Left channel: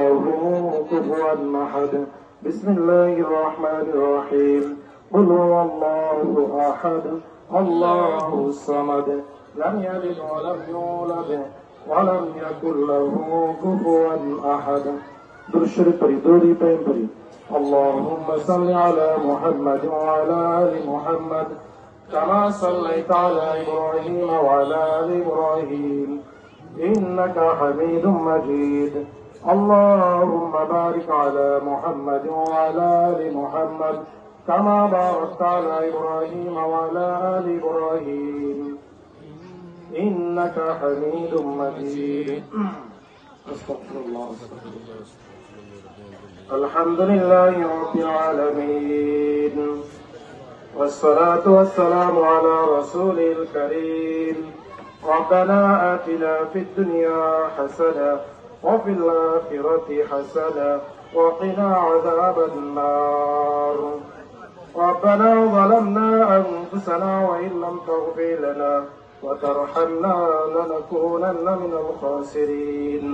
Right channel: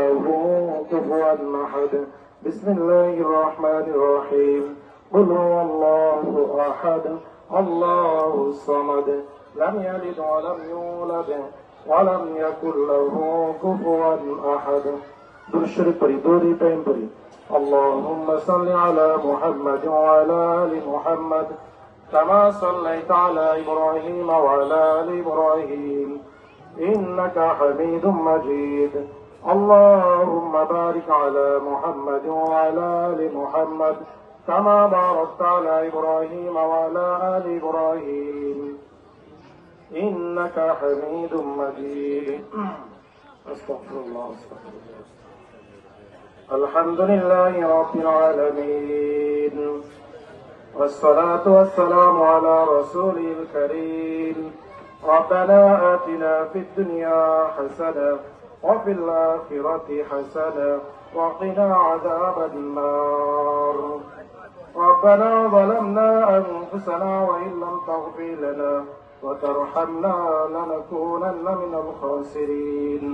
له كفوا أحد بسم الله الرحمن الرحيم قل هو الله أحد الله الصمد لم يلد ولم يولد ولم يكن له كفوا أحد درشد فريدوري تيمبري اللهم صل على محمد وعلى آل محمد كما صليت على إبراهيم وعلى آل إبراهيم إنك حميد مجيد اللهم بارك على محمد وعلى آل محمد كما باركت على إبراهيم وعلى آل إبراهيم إنك حميد مجيد أستغفر الله الحمد لله رب العالمين والصلاة والسلام على رسوله الكريم ربنا آتنا في الدنيا حسنة وفي الآخرة حسنة وقنا عذاب النار ربنا ظلمنا أنفسنا وإن لم تغفر لنا وترحمنا لنكونن من الخاسرين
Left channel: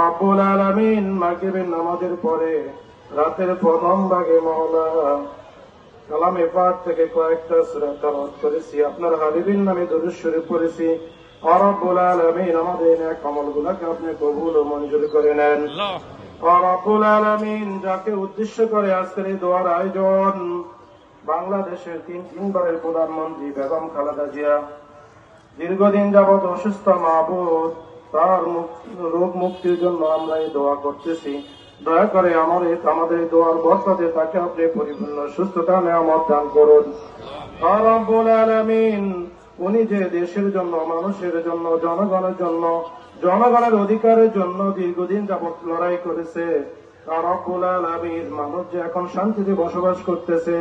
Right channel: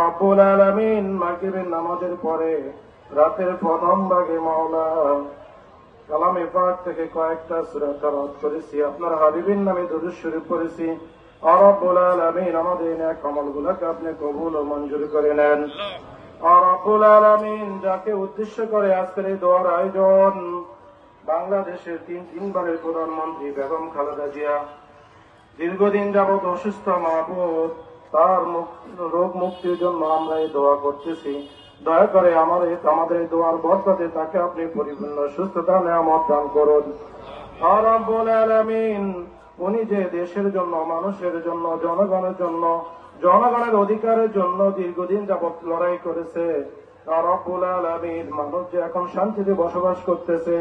رب العالمين মাগরিবের নামাজের পরে রাতের প্রথম ভাগে মাওলা কালামে পাক থেকে কয়েকটা সূরা তেলাওয়াত করেছি আপনার হাবিবের নামে দরুদ শরীফ পড়েছি রব্বুল আলামিন আমাদের নেক আমলগুলোকে আপনি কবুল ও মঞ্জুর করে নেন রব্বুল আলামিন যাকে উদ্দেশ্য করে আজকের এই দোয়ার আয়োজন বাংলাদেশের তিনবারের প্রধানমন্ত্রী বেগম খালেদা জিয়া দীর্ঘদিন যাবৎ অসুস্থ মাহবুব তার রোগ মুক্তির জন্য আমরা এই দোয়া করতেছি দয়া করে আমাদের এই দোয়ার বরকতে তাকে আপনি পরিপূর্ণ সুস্থতা নিয়ামত দান করুন রব্বুল আলামিন উনি যে দেশের জন্য মানুষের জন্য জনগণের জন্য জনগণের অধিকারের জন্য দীর্ঘদিন যাবৎ লড়াই করেছে রব্বুল আলামিন মানুষ যে এখন শান্তিতে বসবাস করতেছে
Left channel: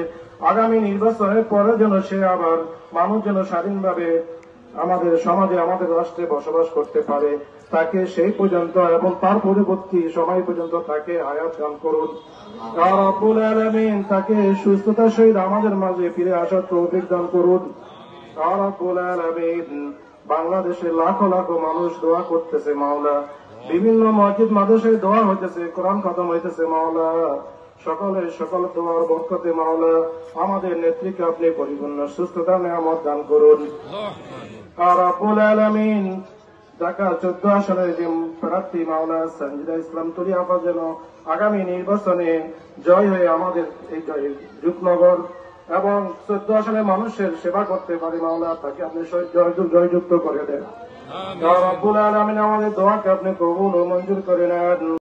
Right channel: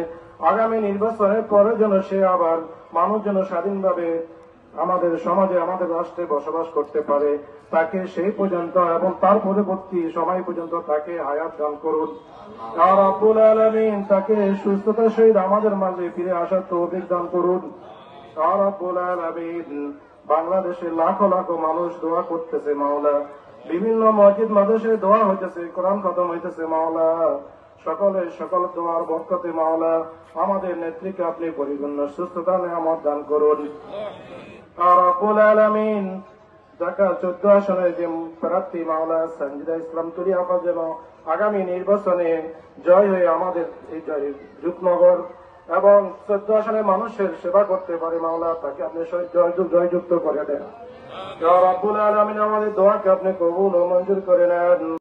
আগামী নির্বাচনের পরে যেন সে আবার মানুষ যেন স্বাধীনভাবে আমাদের সমাজে আমাদের রাষ্ট্রে বসবাস করতে পারে তাকে সেই পর্যন্ত এবং তার পরবর্তী সময় পর্যন্ত তাকে হায়াত দান করুন রব্বুল আলামিন তাকে সুস্থতার সহিত আমাদের মাঝে ফিরে আসার তৌফিক দান করুন রব্বুল আলামিন বাংলাদেশে লাখো লাখো মানুষ দোয়া করতেছে মাওলা বিভিন্ন মসজিদ মাদ্রাসায় দোয়া হইতেছে কোরআন খতম হইতেছে মাওলা সকল দোয়ার বরকতে মাওলা আমাদের নেত্রীকে আপনি পরিপূর্ণ সুস্থতা নিয়ামত দান করুন রব্বুল আলামিন ঢাকা 14 আসনের যে প্রার্থী মাওলা সঞ্জিদা ইসলাম তুলি আপা যেন আগামী নির্বাচনে জয় হয়ে আমাদের এই রূপনগর এবং 14 আসনের মানুষের সেবা করতে পারে মাওলা তাকে আপনি জয়যুক্ত করে দেন রব্বুল আলামিন আমাদের দোয়াকে আপনি কবুল ও মঞ্জুর করে নেন।